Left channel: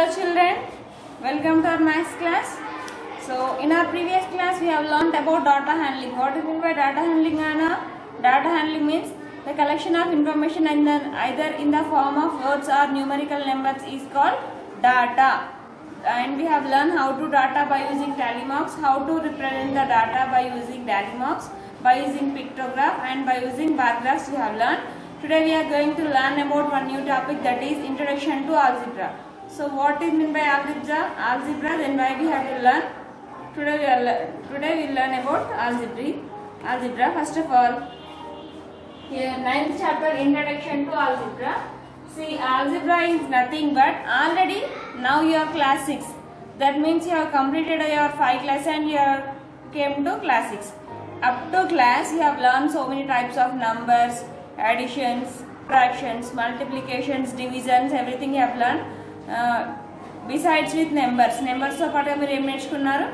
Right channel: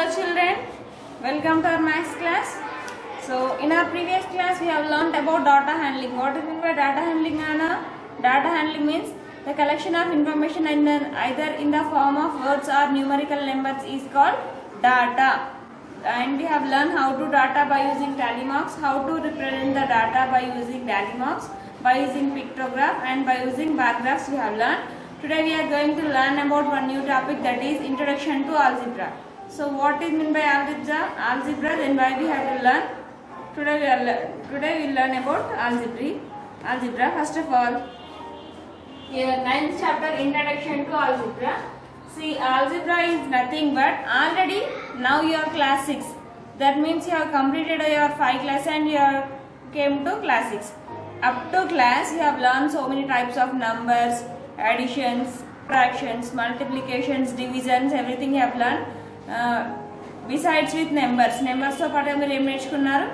Hello children, welcome to our maths class. So in our previous class we have learnt about data handling. What is meant by data handling, Anna? Data handling means the collection of information either in the form of words or numerical numbers is called data. And we have learned how to data by using tally marks, how to represent the data by using tally marks, by using pictograph and by using bar graphs we have learned. Today we are going to learn about one new topic, that is introduction to algebra. So what is meant by algebra, then why we have to learn. Today we will learn about algebra. First of all, here 9th chapter, introduction to algebra. See, algebra is nothing but already now you are class 6. That means you have completed your 5 class and you have came to class 6. Up to class you have learned so many types of numbers, additions, fractions, multiplications, divisions, everything you have learned. Besides with numbers తో పాటు మీరు ఏం నేర్చుకున్నారు?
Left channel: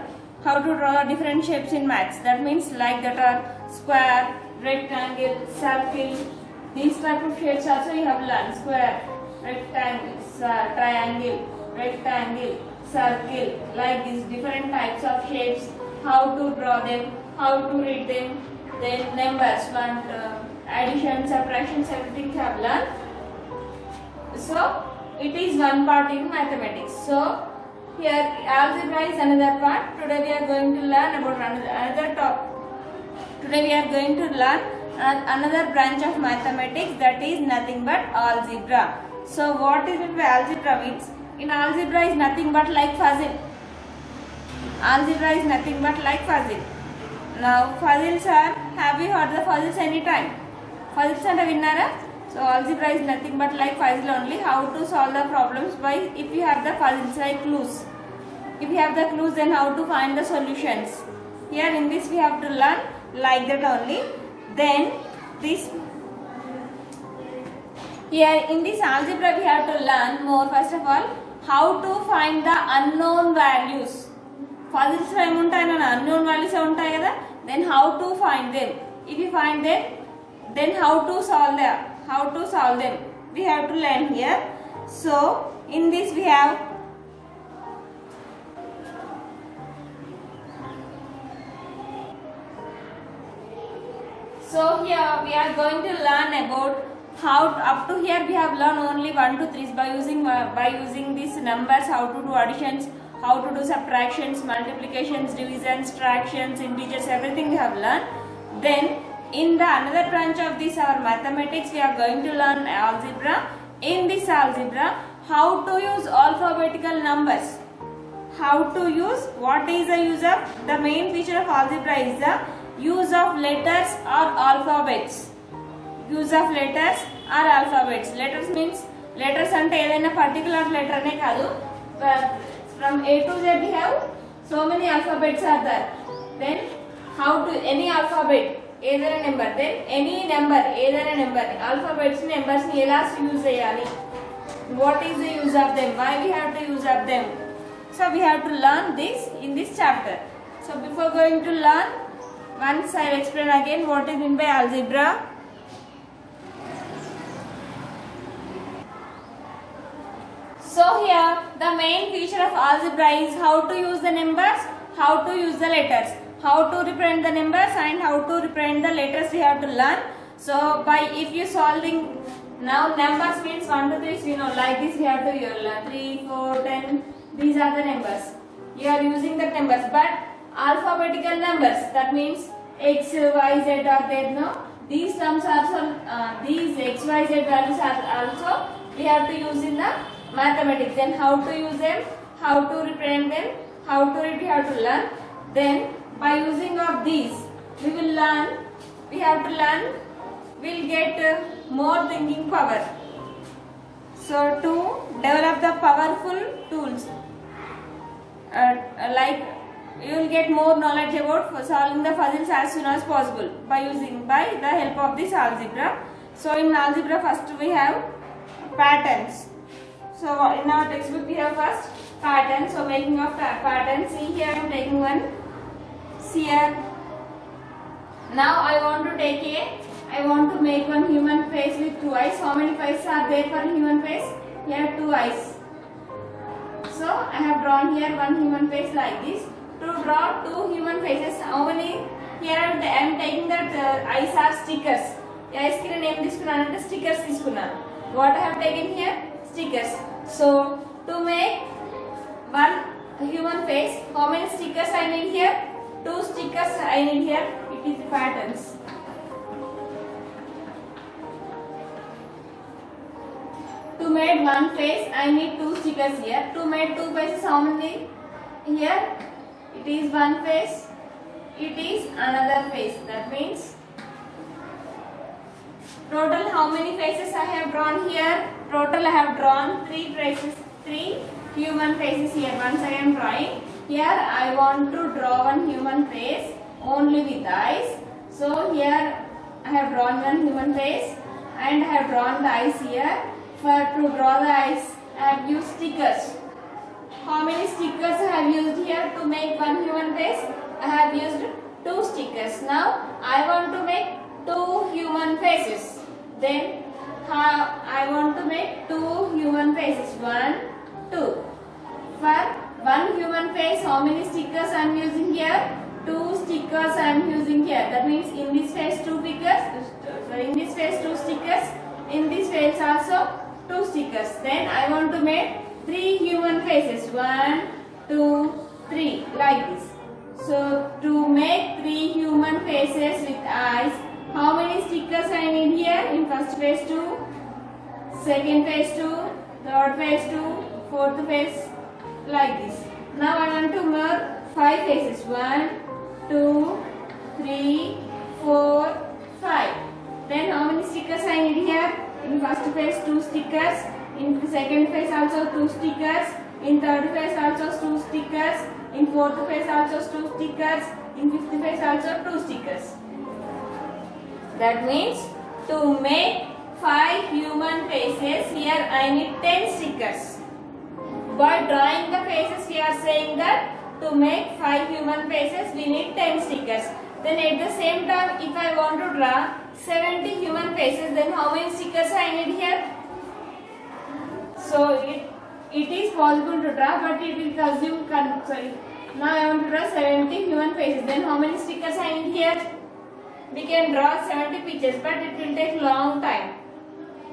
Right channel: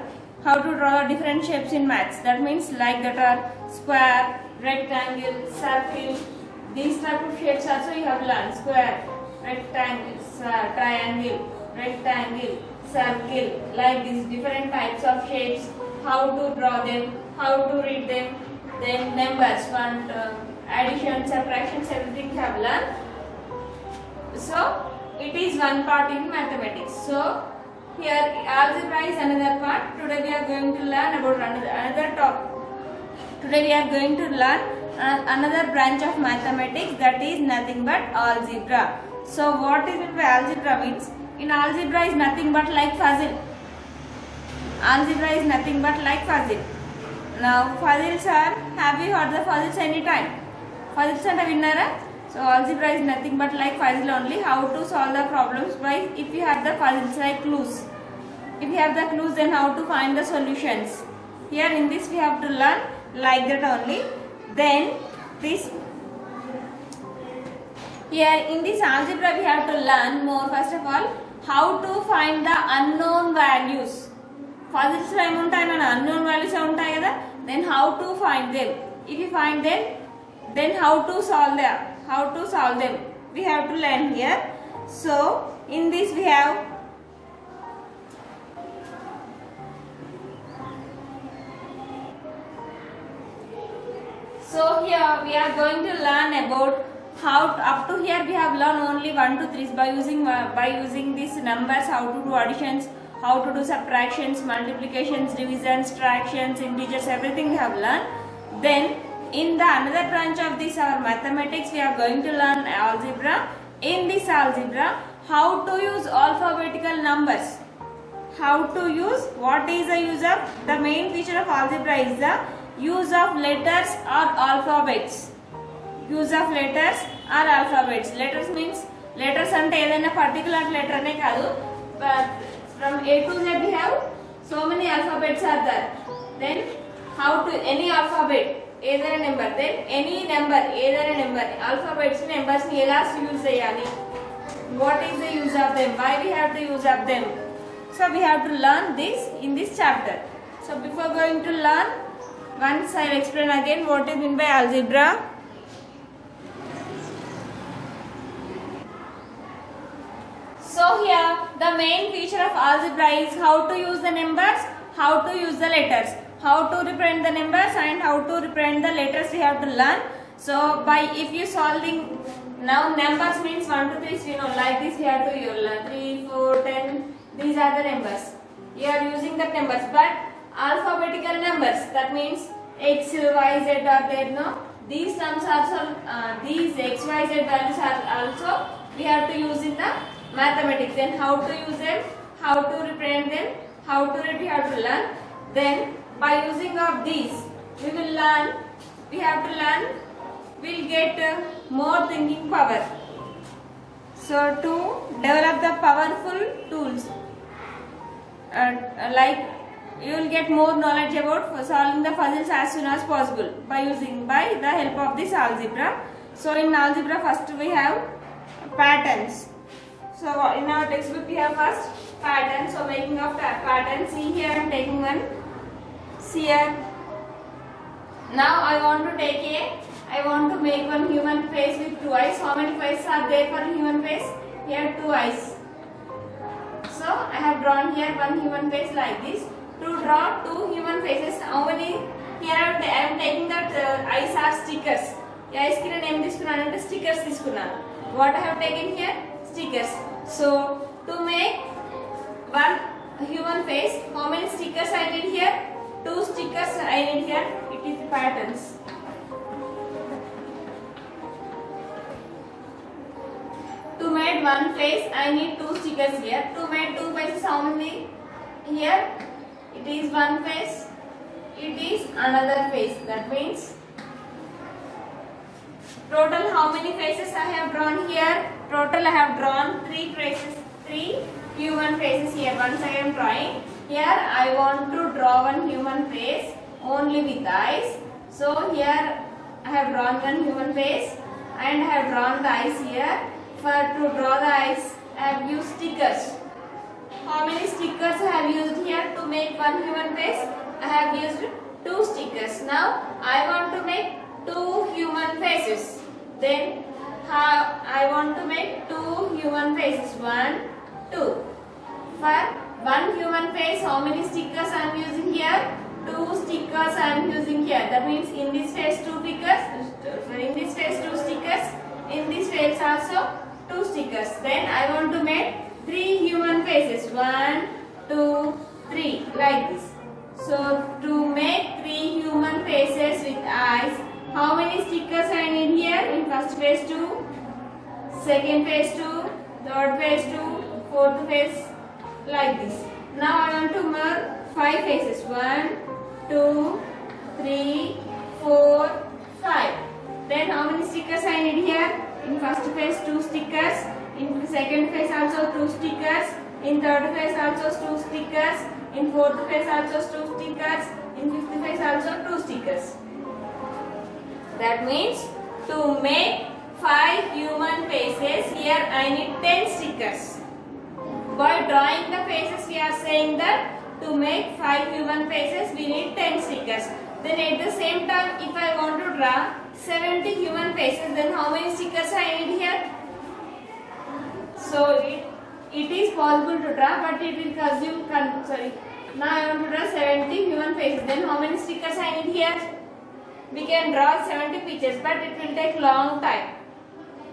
How to draw different shapes in maths. That means like that are square, rectangle, circle. These type of shapes also you have learned. Square, rectangle, triangle, rectangle, circle. Like these different types of shapes. How to draw them, how to read them. Then numbers, addition, subtractions, everything you have learned. So it is one part in mathematics. So here algebra is another part. Today we are going to learn about another topic. Today we are going to learn another branch of mathematics, that is nothing but algebra. So what is meant by algebra means, in algebra is nothing but like puzzle. Algebra is nothing but like puzzle. Now puzzles are, have you heard the puzzles any time? Puzzles and vinnara? So algebra is nothing but like puzzle only. How to solve the problems by, if you have the puzzles like clues. If you have the clues, then how to find the solutions. Here in this we have to learn like that only. Then this, here in this algebra we have to learn more. First of all, how to find the unknown values. Puzzles lo em untayi mana unknown values untayi kada. Then how to find them. If you find them, then how to solve them. How to solve them we have to learn here. So in this we have here we are going to learn about how to, up to here we have learned only 1 to 3 by using these numbers, how to do additions, how to do subtractions, multiplications, divisions, fractions, integers, everything we have learned. Then in the another branch of this our mathematics we are going to learn algebra. In this algebra, how to use alphabetical numbers. How to use, what is the use of, the main feature of algebra is the use of letters or alphabets. Use of letters or alphabets. Letters means, letters ante edaina particular letter ne kaadu, but from A to Z we have so many alphabets are there. Then how to, any alphabet, either a number, then any number, either a number, alphabets numbers ni ela use cheyali, what is the use of them, why we have to use of them. So we have to learn this in this chapter. So before going to learn, once I will explain again what is meant by algebra. So here the main feature of algebra is how to use the numbers, how to use the letters. How to represent the numbers and how to represent the letters we have to learn. So by, if you solving, now numbers means 1 to 3, you know, like this we have to learn 3, 4, 10, these are the numbers. You are using the numbers, but alphabetical numbers, that means X, Y, Z are there, no? These terms also, these X, Y, Z values are also we have to use in the mathematics. Then how to use them, how to represent them, how to read, we have to learn. Then by using of these we will learn, we have to learn, we'll get more thinking power. So to develop the powerful tools, like you will get more knowledge about solving the puzzles as soon as possible by the help of this algebra. So in algebra first we have patterns. So in our textbook we have first pattern. So making of pattern, see here I am taking one. Here now I want to make one human face with 2 eyes. How many eyes are there for a human face? Here 2 eyes. So I have drawn here one human face like this. To draw two human faces, how many? Here I am taking that eyes are stickers. Eyes ki name తీసుకున్నానంటే stickers తీసుకున్నాను. What I have taken here? Stickers. So to make one human face, how many stickers I need here? Two stickers I need here. It is the patterns. To make one face, I need two stickers here. To make two faces, how many? Here, it is one face. It is another face. That means total how many faces I have drawn here? Total I have drawn three faces, three human faces here. Once I am drawing here, I want to draw one human face only with eyes. So here I have drawn one human face and I have drawn the eyes here. For to draw the eyes, I have used stickers. How many stickers I have used here to make one human face? I have used two stickers. Now I want to make two human faces. Then I want to make two human faces. 1, 2. For one human face, how many stickers I am using here? Two stickers I am using here. That means in this face two stickers. In this face two stickers. In this face also two stickers. Then I want to make three human faces. 1, 2, 3 like this. So to make three human faces with eyes, how many stickers I need here? In first face 2, second face 2, third face 2, fourth face like this. Now I want to make 5 faces. 1, 2, 3, 4, 5. Then how many stickers I need here? In first face 2 stickers, in second face also 2 stickers, in third face also 2 stickers, in fourth face also 2 stickers, in fifth face also 2 stickers. That means to make 5 human faces, here I need 10 stickers. By drawing the faces, we are saying that to make 5 human faces, we need 10 stickers. Then at the same time, if I want to draw 70 human faces, then how many stickers I need here? So it is possible to draw, but it will consume. Now I want to draw 70 human faces. Then how many stickers I need here? We can draw 70 pictures, but it will take long time.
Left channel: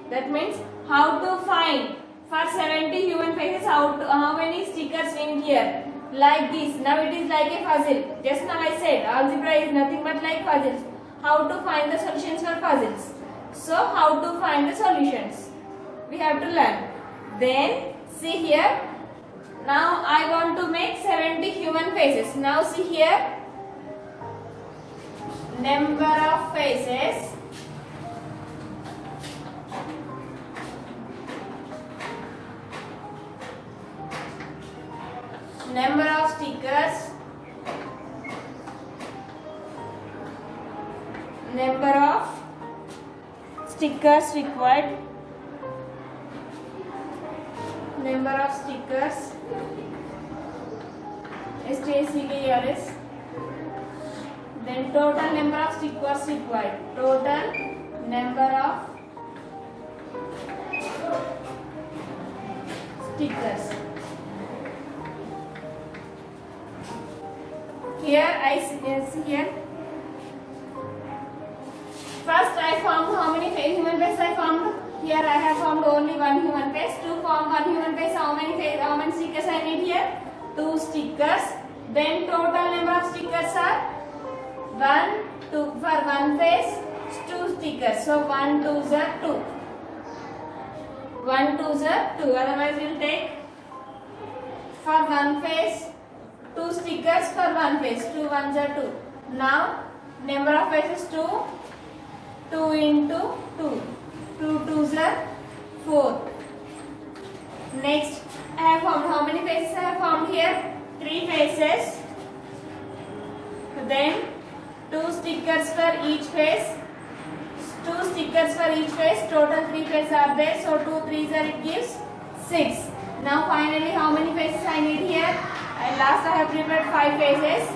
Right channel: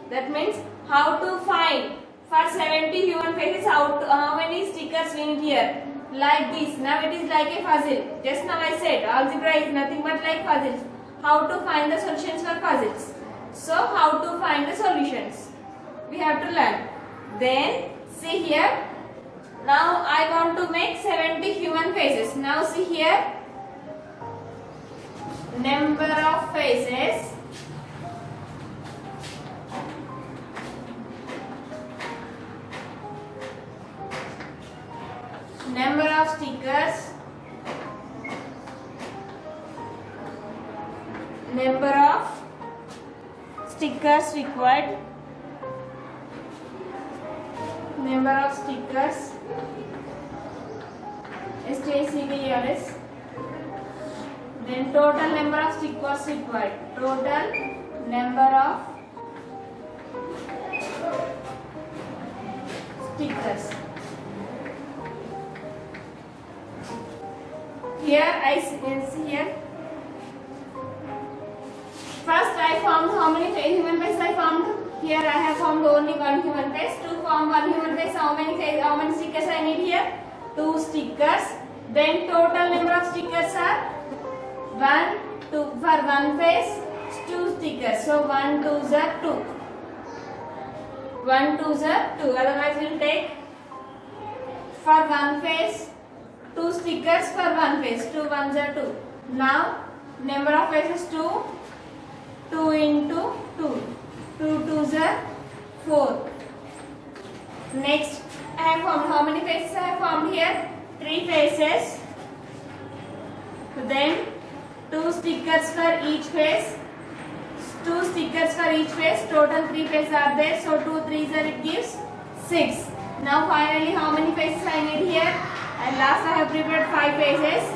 That means how to find for 70 human faces, how many stickers we need here? Like this. Now it is like a puzzle. Just now I said algebra is nothing but like puzzles. How to find the solutions for puzzles. So how to find the solutions? We have to learn. Then see here. Now I want to make 70 human faces. Now see here. Number of faces. Number of stickers. Number of stickers required. Number of stickers. STICKERS. Then total number of stickers required. Total number of stickers. Here I see here. First I formed how many human faces I formed? Here I have formed only one human face. To form one human face, how many stickers I need here? 2 stickers. Then total number of stickers are 1, 2 for one face, 2 stickers. So 1, 2s are 2. 1, 2s are 2. Otherwise we will take for one face 2 stickers for one face. 2 1s are 2. Now number of faces 2. 2 into 2. 2 2s are 4. Next I have formed how many faces I have formed here? 3 faces. Then 2 stickers for each face. 2 stickers for each face. Total 3 faces are there. So 2 3s are, it gives 6. Now finally how many faces I need here? And last I have prepared 5 faces.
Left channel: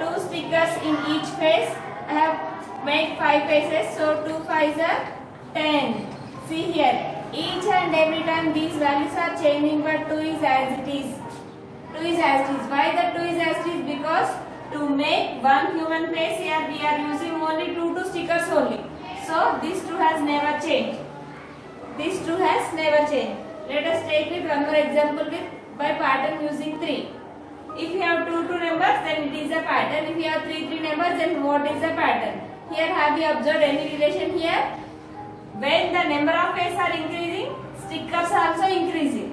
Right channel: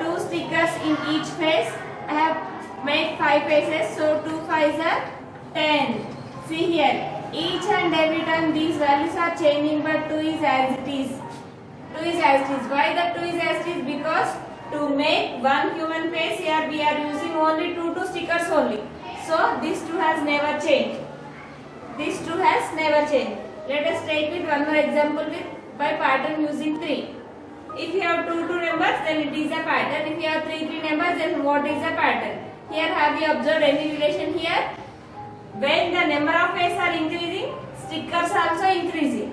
2 stickers in each face. I have made 5 faces. So 2 5s are 10. See here. each and every time these values are changing, but 2 is as it is. 2 is as it is. Why the 2 is as it is? Because to make one human face here we are using only 2 stickers only. So this 2 has never changed. This 2 has never changed. Let us take it one more example with by pattern using 3. If you have 2 numbers, then it is a pattern. If you have 3 numbers, then what is the pattern? Here have you observed any relation here? When the number of faces are increasing, stickers are also increasing.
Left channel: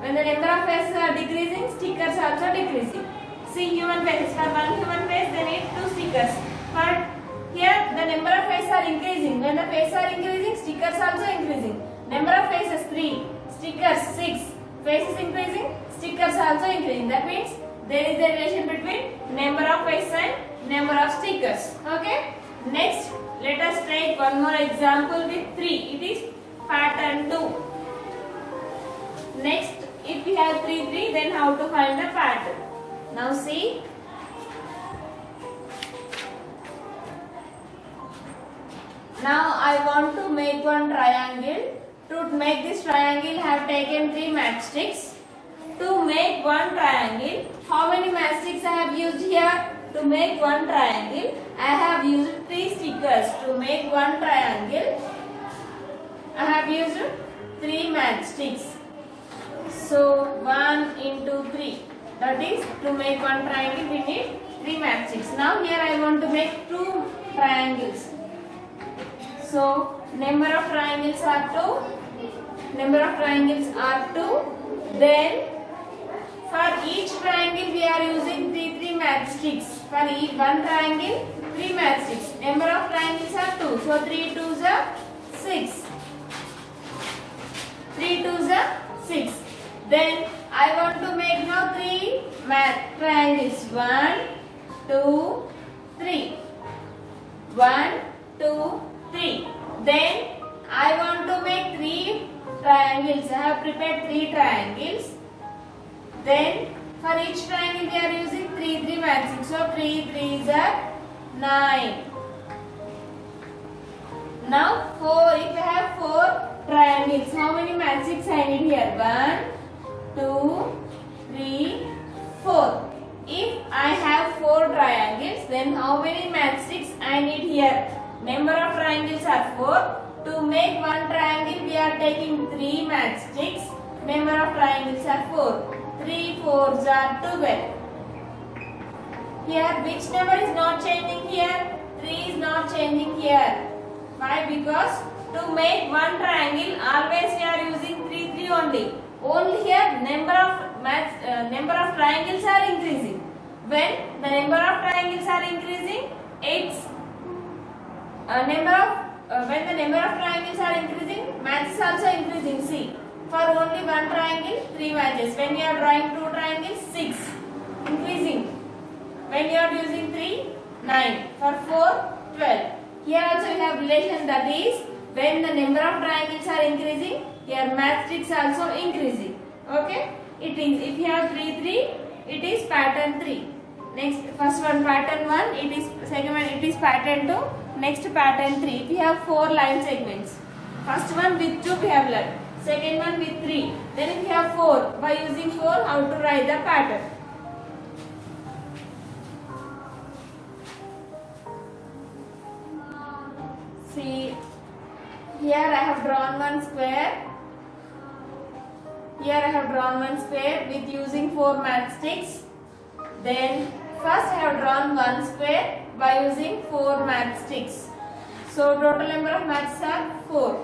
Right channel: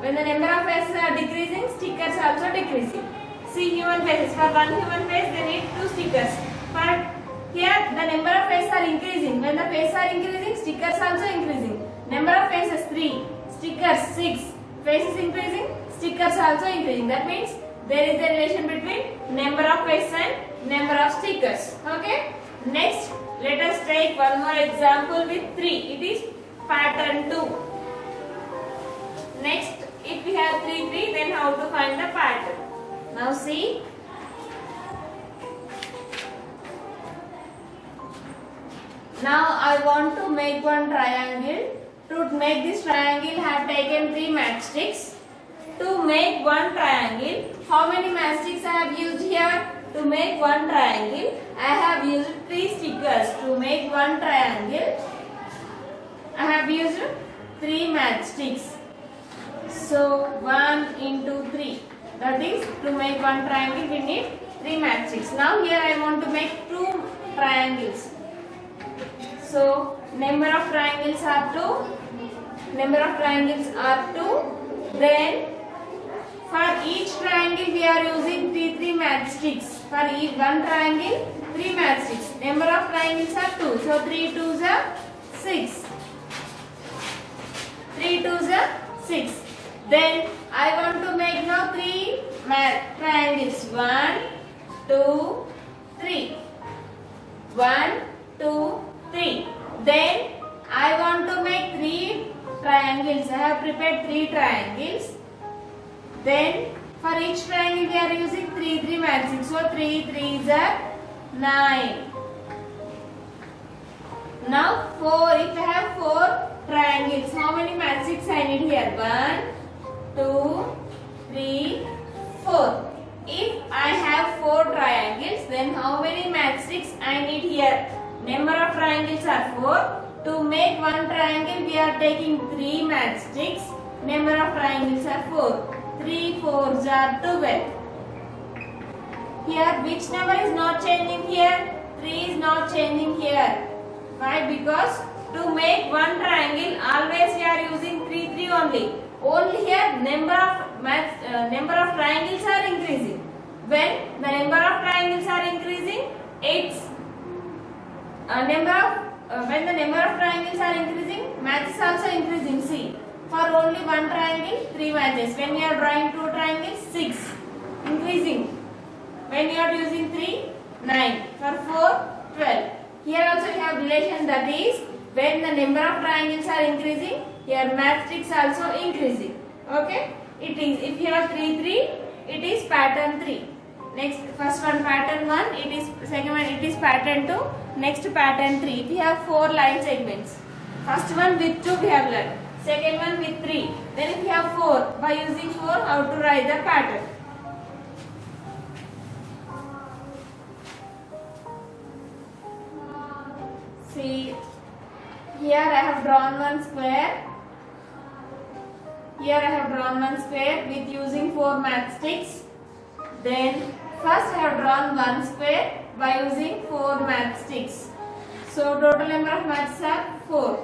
When the number of faces are decreasing, stickers are also decreasing. See human faces. For one human face, they need 2 stickers. For here, the number of faces are increasing. When the faces are increasing, stickers are also increasing. Number of faces 3, stickers 6. Faces increasing, stickers are also increasing. That means there is a relation between number of faces and number of stickers. Okay. Next, let us take one more example with 3. It is pattern 2. Next, if we have 3, then how to find the pattern? Now see. Now I want to make one triangle. To make this triangle, I have taken 3 matchsticks. To make one triangle, how many matchsticks I have used here? To make one triangle, I have used 3 stickers. To make one triangle, I have used 3 matchsticks. So 1 into 3. That is, to make one triangle, we need 3 matchsticks. Now here I want to make 2 triangles. So number of triangles are 2. Number of triangles are 2. Then for each triangle we are using 3 matchsticks. For each one triangle 3 matchsticks. Number of triangles are 2. So 3 2s are 6. 3 2s are 6. Then I want to make now 3 triangles. 1 2 3. 1 2 3. Then I want to make 3 triangles. I have prepared 3 triangles. Then for each triangle we are using 3 matchsticks. So 3 3s are 9. Now 4. If I have 4 triangles, how many matchsticks I need here? 1 2 3 4. If I have 4 triangles, then how many matchsticks I need here? Number of triangles are 4. To make one triangle, we are taking 3 matchsticks. Number of triangles are 4. 3 4s are 12. Here, which number is not changing here? 3 is not changing here. Why? Because to make one triangle, always we are using 3 only. Only here, number of triangles are increasing. When the number of triangles are increasing, when the number of triangles are increasing, matches also increasing. See, for only one triangle, 3 matches. When you are drawing 2 triangles, 6, increasing. When you are using 3, 9. For 4, 12. Here also we have relation, that is, when the number of triangles are increasing, here matchsticks also increasing. Okay? It is, if you have 3 3, it is pattern 3. Next, first one pattern 1, it is, second one it is pattern 2, next pattern 3. We have 4 line segments. First one with 2 we have learned, second one with 3. Then if you have 4, by using 4, how to write the pattern? See, here I have drawn one square. Here I have drawn one square with using 4 matchsticks. Then first I have drawn one square by using 4 matchsticks. So total number of matches are 4.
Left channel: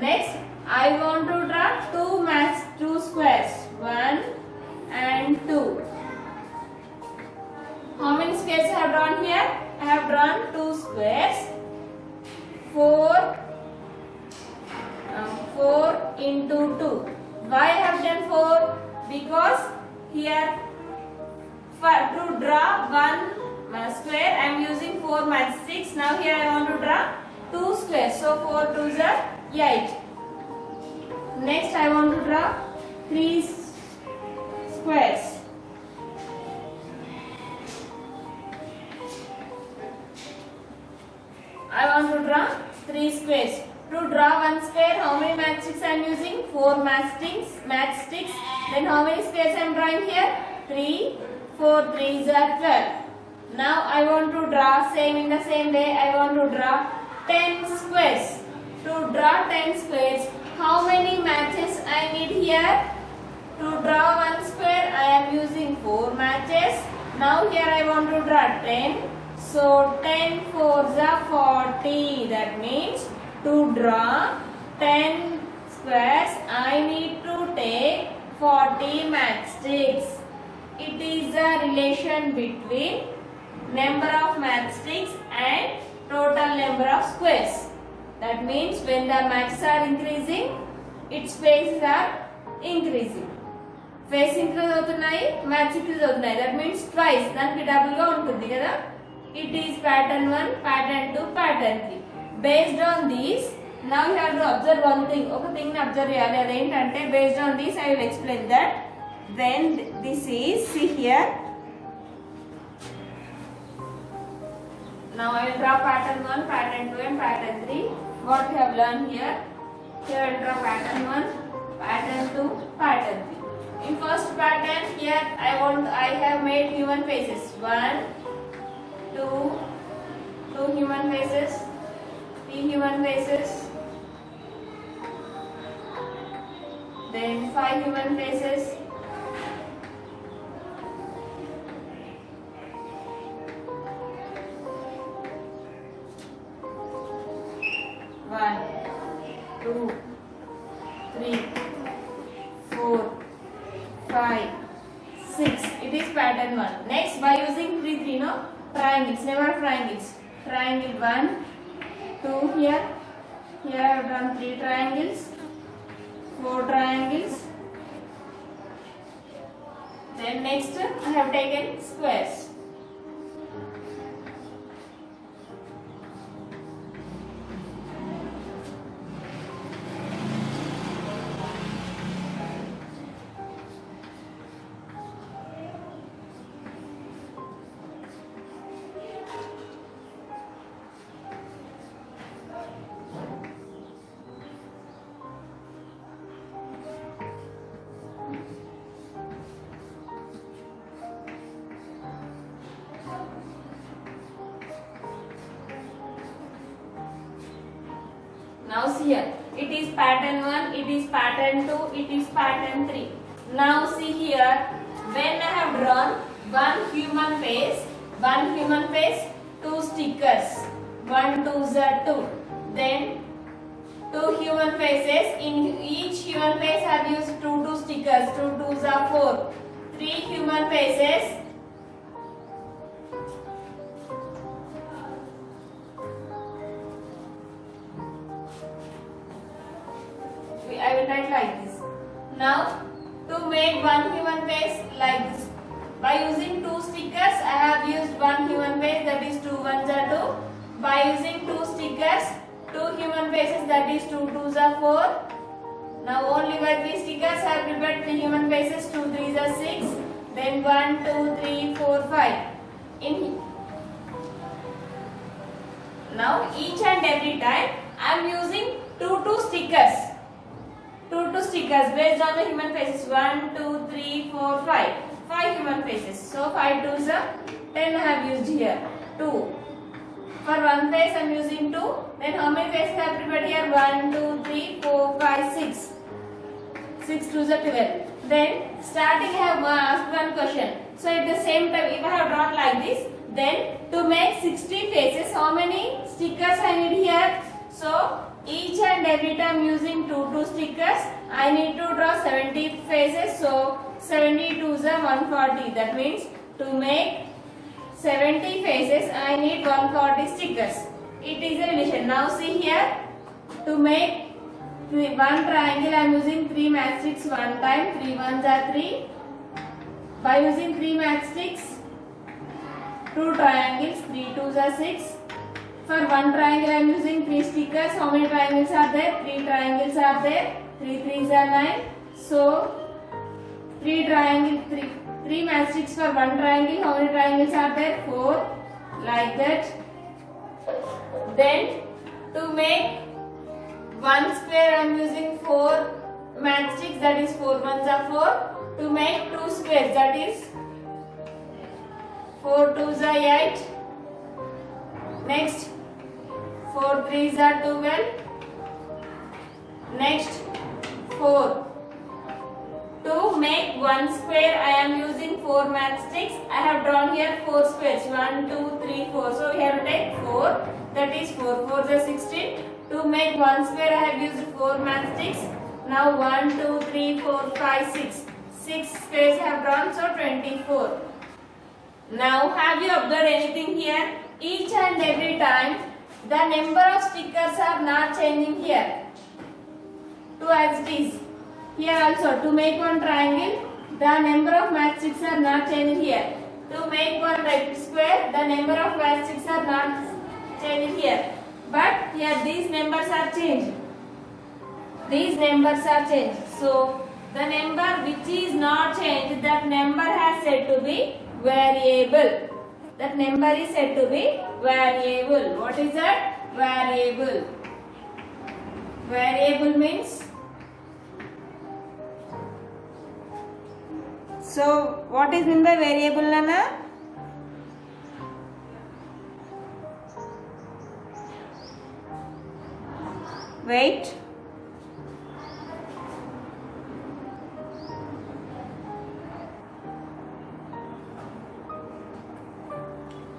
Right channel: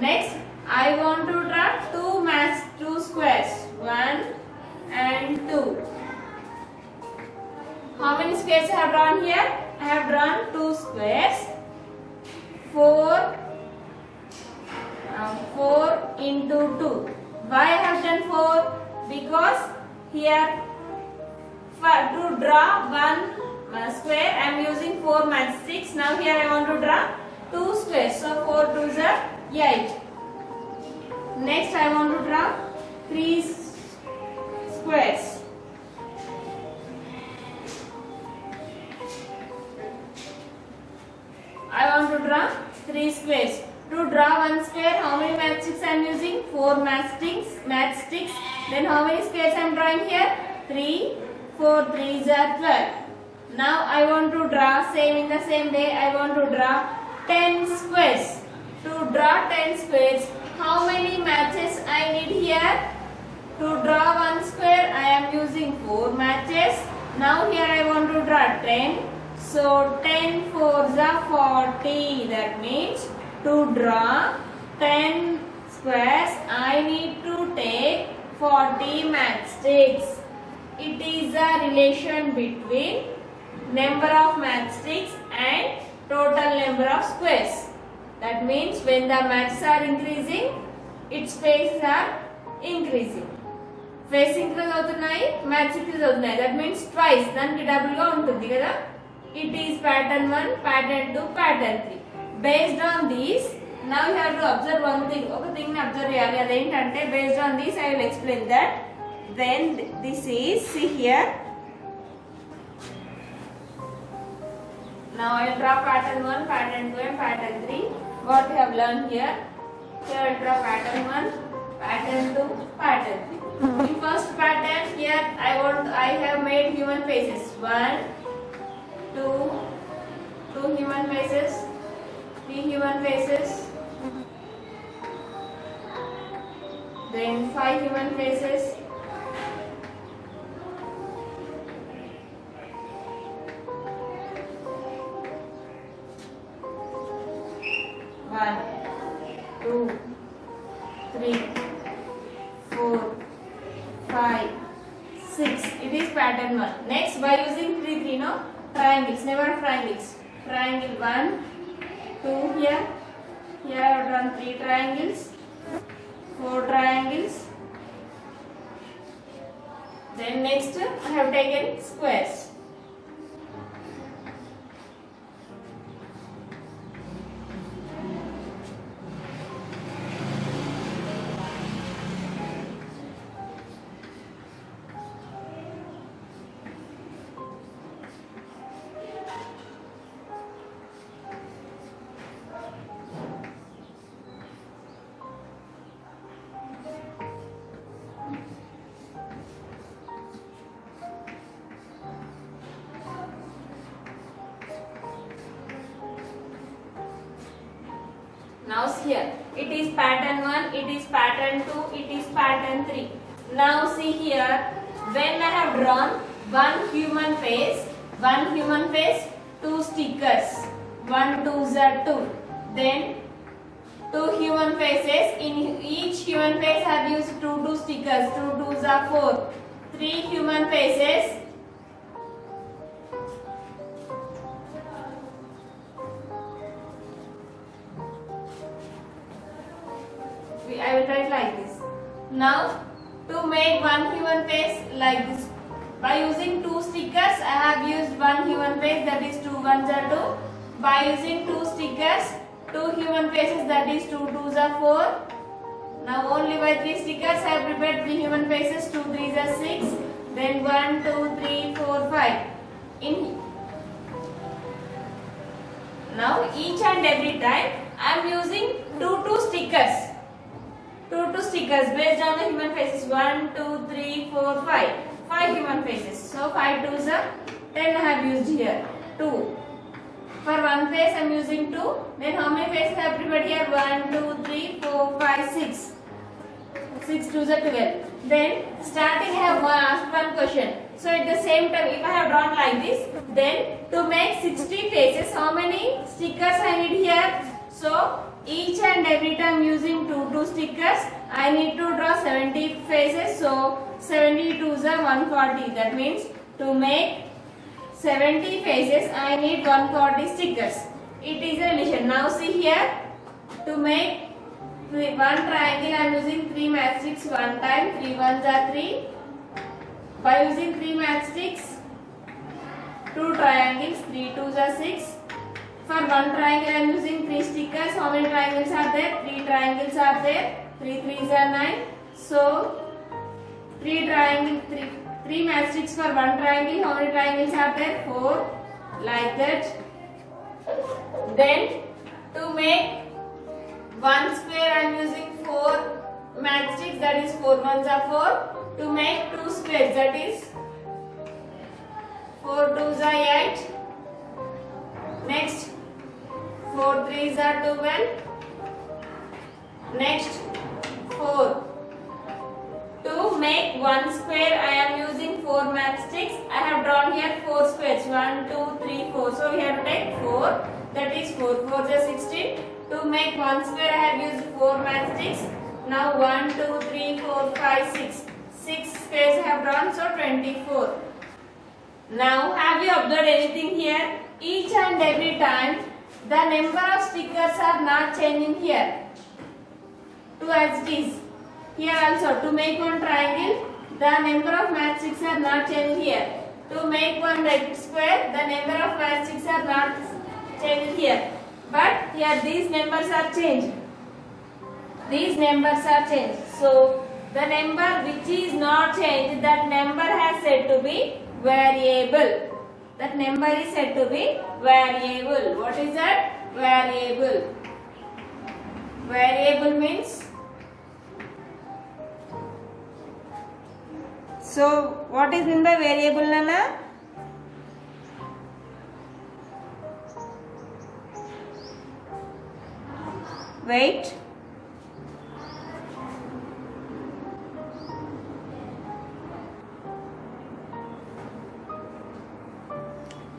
Next I want to draw 2 squares. 1 and 2. How many squares I have drawn here? I have drawn 2 squares. 4 into 2. Why I have done 4? Because here to draw one square I am using 4 matchsticks. Now here I want to draw 2 squares. So 4 2s are 8. Next I want to draw 3 squares. I want to draw 3 squares. To draw one square, how many matchsticks I 4 matchsticks. Then how many squares I am drawing here? 3. 4 3s are 12. Now I want to draw in the same way. I want to draw 10 squares. To draw 10 squares, how many matches I need here? To draw one square, I am using 4 matches. Now here I want to draw 10. So 10 4s are 40. That means to draw 10 squares, I need to take 40 matchsticks. It is a relation between number of matchsticks and total number of squares. That means when the matches are increasing, its faces are increasing. Face increase అవుతున్నాయి, match increase అవుతున్నాయి. That means twice. దానికి double గా ఉంటుంది కదా. It is pattern 1, pattern 2, pattern 3. Based on these, now you have to observe one thing. ఒక thing ని observe చేయాలి. అదేంటంటే based on this I will explain that. Then this is, see here. Now I will draw pattern 1, pattern 2 and pattern 3. What we have learned here. Here I will draw pattern 1, pattern 2, pattern 3. In first pattern here I have made human faces. 1, 2 human faces, 3 human faces, then 5 human faces, One, 2, 3, 4, 5, 6. It is pattern 1. Next, by using 3, no? Triangles, never triangles. Triangle 1, 2 here. Here I have done 3 triangles, 4 triangles. Then next I have taken squares. Now see here, it is pattern 1, it is pattern 2, it is pattern 3. Now see here, when I have drawn one human face, 2 stickers, 1 2s are 2. Then 2 human faces, in each human face I have used 2 stickers, 2 2s are 4. 3 human faces, I will write like this. Now to make one human face like this, by using 2 stickers I have used one human face, that is 2 1s are 2. By using 2 stickers, 2 human faces, that is 2 2s are 4. Now only by 3 stickers I have prepared 3 human faces, 2 3s are 6. Then 1 2 3 4 5. Now each and every time I am using 2 stickers. 2 stickers based on the human faces. 1 2 3 4 5. 5 human faces. So 5 2s are 10 I have used here. 2. For one face I am using 2. Then how many faces I have prepared here? 1 2 3 4 5 6. 6 2s are 12. Then starting I have asked one question. So at the same time, if I have drawn like this, then to make 60 faces, how many stickers I need here? So each and every time using 2 stickers, I need to draw 70 faces. So 72s are 140. That means to make 70 faces, I need 140 stickers. It is a relation. Now see here, to make one triangle, I am using 3 matchsticks one time. 3 1s are 3. By using 3 matchsticks, 2 triangles, 3 2s are 6. For one triangle, I am using 3 stickers. How many triangles are there? 3 triangles are there. 3 3s are 9. So 3 matchsticks for one triangle. How many triangles are there? 4. Like that. Then to make one square, I am using 4 matchsticks, that is 4 ones are 4. To make 2 squares, that is 4 twos are 8. Next 4 threes are 12. Next 4. To make 1 square, I am using 4 matchsticks. I have drawn here 4 squares. 1, 2, 3, 4. So we have to take 4. That is 4. 4 is 16. To make 1 square, I have used 4 matchsticks. Now 1, 2, 3, 4, 5, 6. 6 squares I have drawn. So 24. Now have you observed anything here? Each and every time the number of stickers are not changing here. 2 as it is. Here also, to make 1 triangle, the number of matchsticks are not changing here. To make 1 right square, the number of matchsticks are not changing here. But here these numbers are changed. These numbers are changed. So the number which is not changed, that number has said to be variable. That number is said to be variable. What is that? Variable. Variable means. So what is meant by variable, Nana? Wait.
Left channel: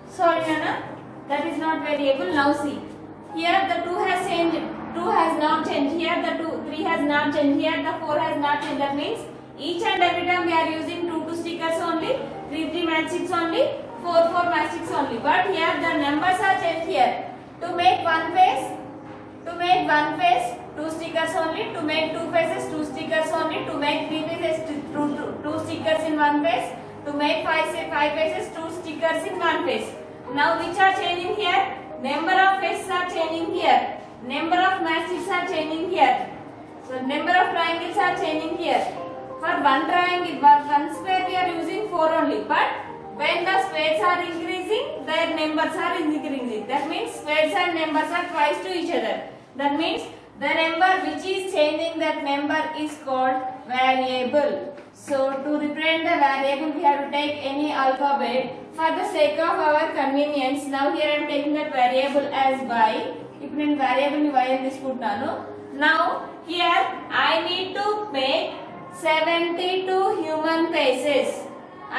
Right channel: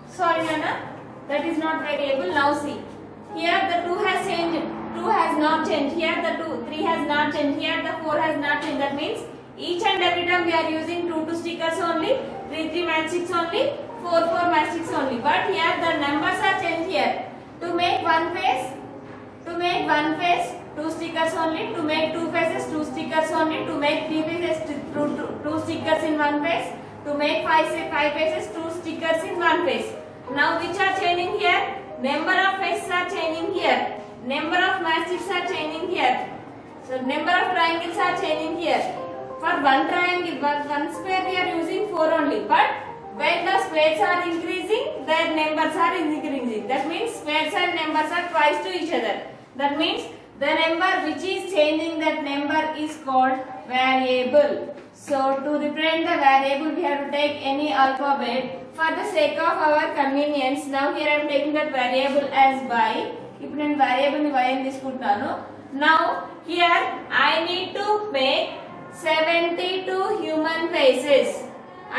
Sorry, Nana. That is not variable. Now see. Here the 2 has changed. 2 has not changed. Here the 3 has not changed. Here the 4 has not changed. That means each and every time we are using 2 stickers only, 3 matchsticks only, 4 matchsticks only. But here the numbers are changed here. To make 1 face, 2 stickers only. To make 2 faces, 2 stickers only. To make 3 faces, 2 stickers in 1 face. To make 5 faces, 2 stickers in 1 face. Now which are changing here? Number of faces are changing here. Number of matchsticks are changing here. So number of triangles are changing here. For 1 triangle, for 1 square we are using 4 only. But when the squares are increasing, their numbers are increasing. That means squares and numbers are twice to each other. That means the number which is changing, that number is called variable. So to represent the variable, we have to take any alphabet. For the sake of our convenience, now here I am taking that variable as y. If I variable ni y ani తీసుకుంటున్నాను. Now here I need to make 72 human faces.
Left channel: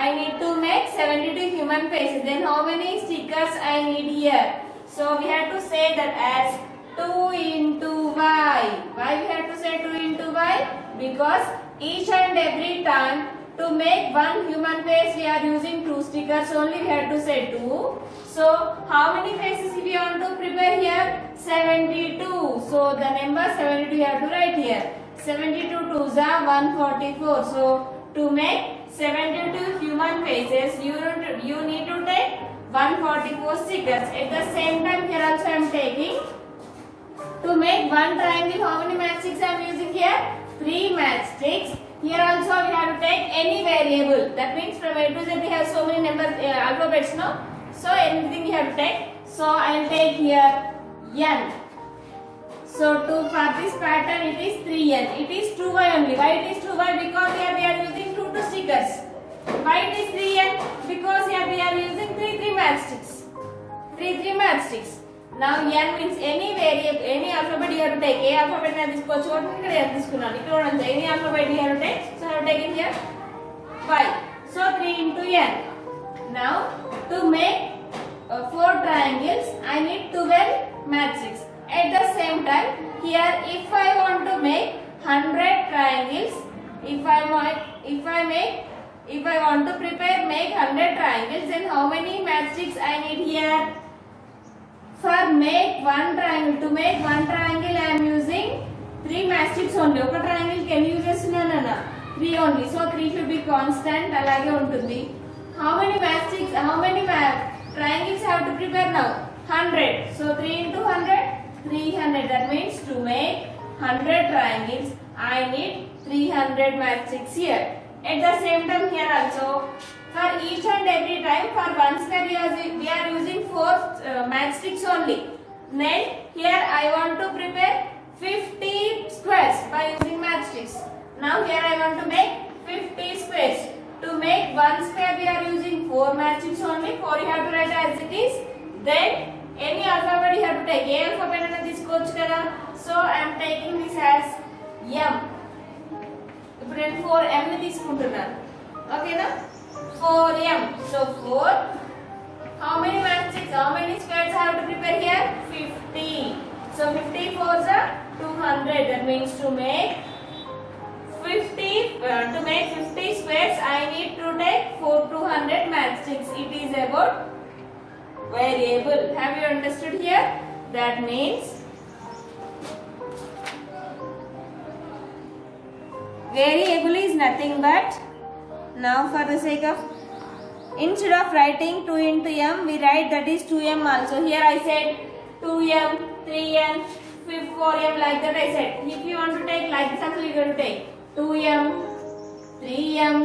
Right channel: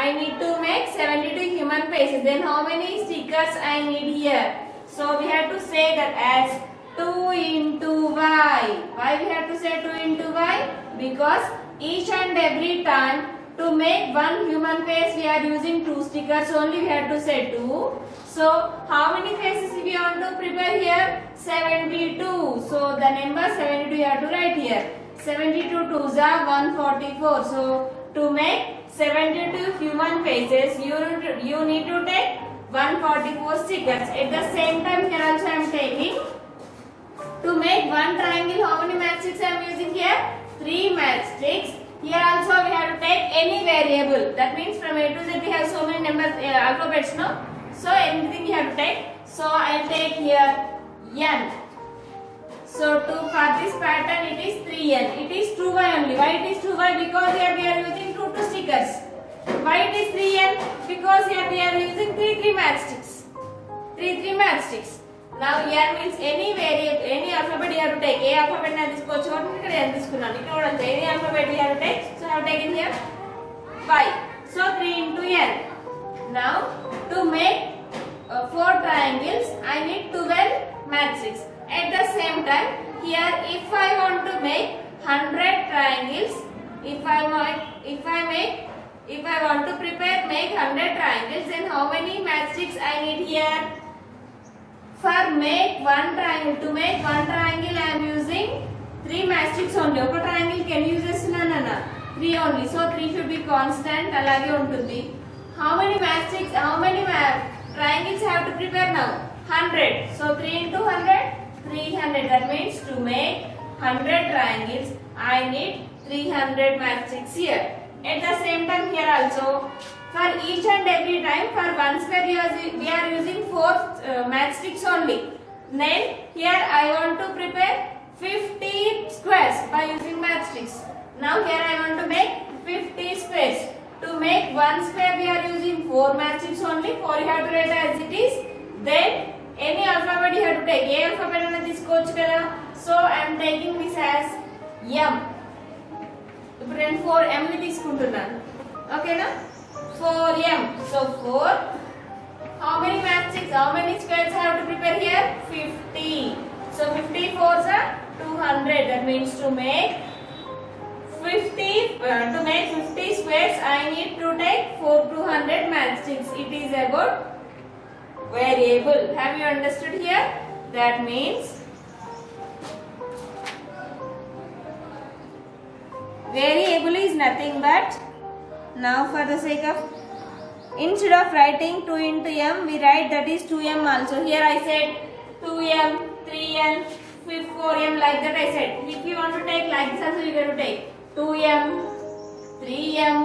I need to make 72 human faces. Then how many stickers I need here? So we have to say that as 2 into y. Why we have to say 2 into y? Because each and every time to make 1 human face we are using 2 stickers only. We have to say 2. So how many faces we want to prepare here? 72. So the number 72 you have to write here. 72 twos are 144. So to make 72 human faces, you need to take 144 stickers. At the same time, here also I am taking, to make 1 triangle, how many matchsticks I am using here? 3 matchsticks. Here also we have to take any variable. That means from A to Z we have so many numbers, alphabets, no? So anything we have to take. So I will take here n. So for this pattern it is 3n. It is 2y only. Why it is 2y? Because here we are using 2 stickers. Why it is 3n? Because here we are using 3 matchsticks. 3 matchsticks. Now n means any variable, any alphabet you have to take. A alphabet I తీసుకోవచ్చు. ఇక్కడ n తీసుకున్నాను. ఇక్కడ కూడా any alphabet you have to take. So I have taken here y. So 3 into n. Now to make 4 triangles, I need 12 matchsticks. At the same time, here if I want to make 100 triangles, if I want to make 100 triangles, then how many matchsticks I need here? For make 1 triangle, to make 1 triangle I am using 3 matchsticks only. Oka triangle can use this nana 3 only. So 3 should be constant. Alage untundi. How many matchsticks? How many triangles I have to prepare now? 100. So 3 into 100. 300. That means to make 100 triangles I need 300 matchsticks here. At the same time here also, for each and every time, for 1 square we are using 4 matchsticks only. Then here I want to prepare 50 squares by using matchsticks. Now here I want to make 50 squares. To make one square we are using 4 matchsticks only. 4 you have to write as it is. Then any alphabet you have to take. A alphabet ana తీసుకోవచ్చు కదా. So I am taking this as M. ఇప్పుడు నేను 4M ని తీసుకుంటున్నాను. ఓకేనా? 4M. So 4. How many matchsticks? How many squares I have to prepare here? 50. So 50 fours are 200. That means to make 50 squares I need to take 200 matchsticks. It is about variable. Have you understood here? That means variable is nothing but, now for the sake of, instead of writing 2 into m we write that is 2m also. Here I said 2m, 3m, 4m, like that I said. If you want to take like this also you have to take 2m, 3m,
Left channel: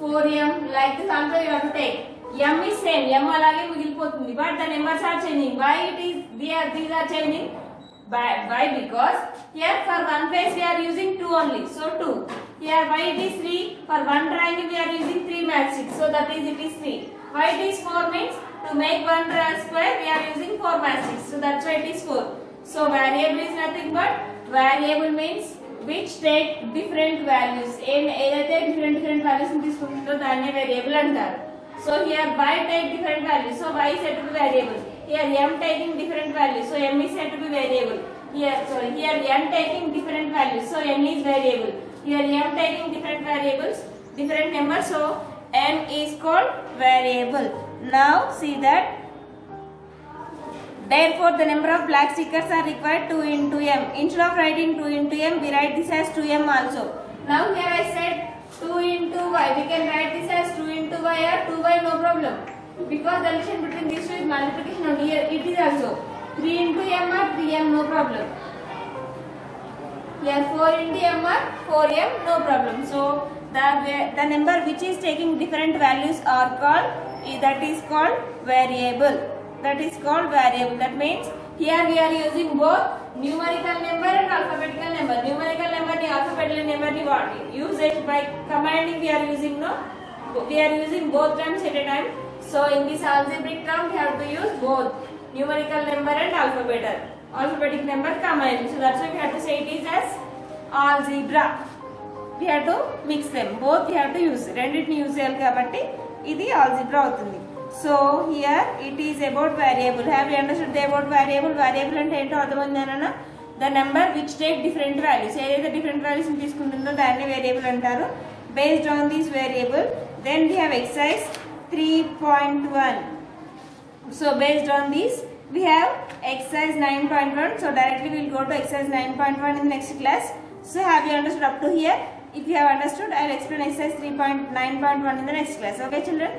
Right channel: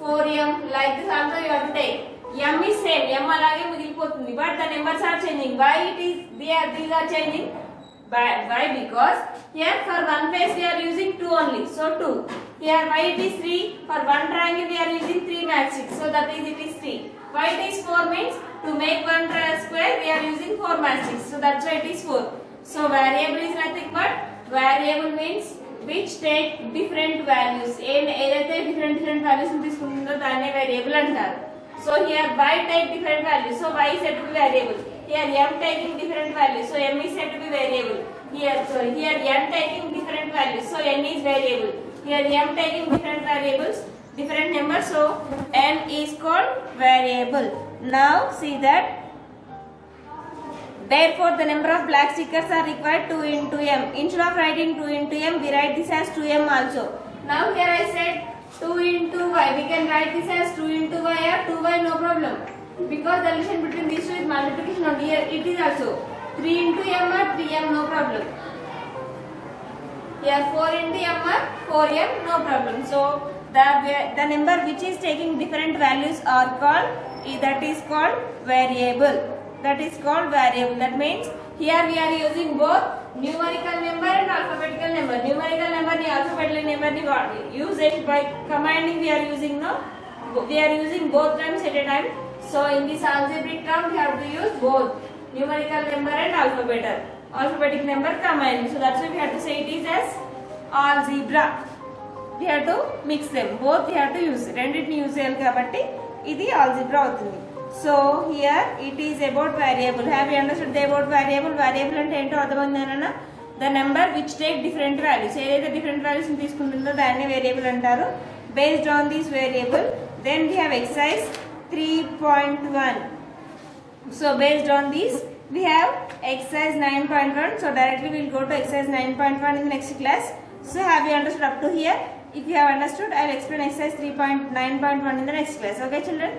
4m, like this also you have to take. M is same, m alage migilipotundi, but the numbers are changing. Why it is these are changing? Why? Because here for one face we are using 2 only, so 2. Here why it is 3? For one triangle we are using 3 matchsticks, so that is it is 3. Why it is 4 means to make one square we are using 4 matchsticks, so that's why it is 4. So variable is nothing but, variable means which take different values. ఏదైతే different values ని తీసుకుంటుందో దాన్నే variable అంటారు. So here y take different values, so y is said to be variable. Here m taking different values, so m is said to be variable. Here n taking different values, so n is variable. Here m taking different variables, different numbers, so n is called variable. Now see that, therefore the number of black stickers are required 2 into m. Instead of writing 2 into m we write this as 2m also. Now here I said 2 into y, we can write this as 2 into y or 2y, no problem, because the relation between these two is multiplication only. Here it is also 3 into m or 3m, no problem. Here 4 into m or 4m, no problem. So the number which is taking different values are called, that is called variable. That is called variable. That means here we are using both numerical number and alphabetical number. Numerical number ni alphabetical number ni use it by commanding. We are using both terms at a time. So in this algebraic term we have to use both numerical number and alphabetic number command. So that's why we have to say it is as algebra. We have to mix them. Both we have to use. Renditni use cheyali kabatti idi algebra avutundi. So here it is about variable. Have you understood about variable? Variable ante ento ardhamaindana? The number which take different values. Edaithe different values ni teeskuntundo danni variable antaru. Based on this variable, then we have exercise 3.1. So based on this we have exercise 9.1. So directly we will go to exercise 9.1 in the next class. So have you understood up to here? If you have understood, I will explain exercise 3.9.1 in the next class. Okay children?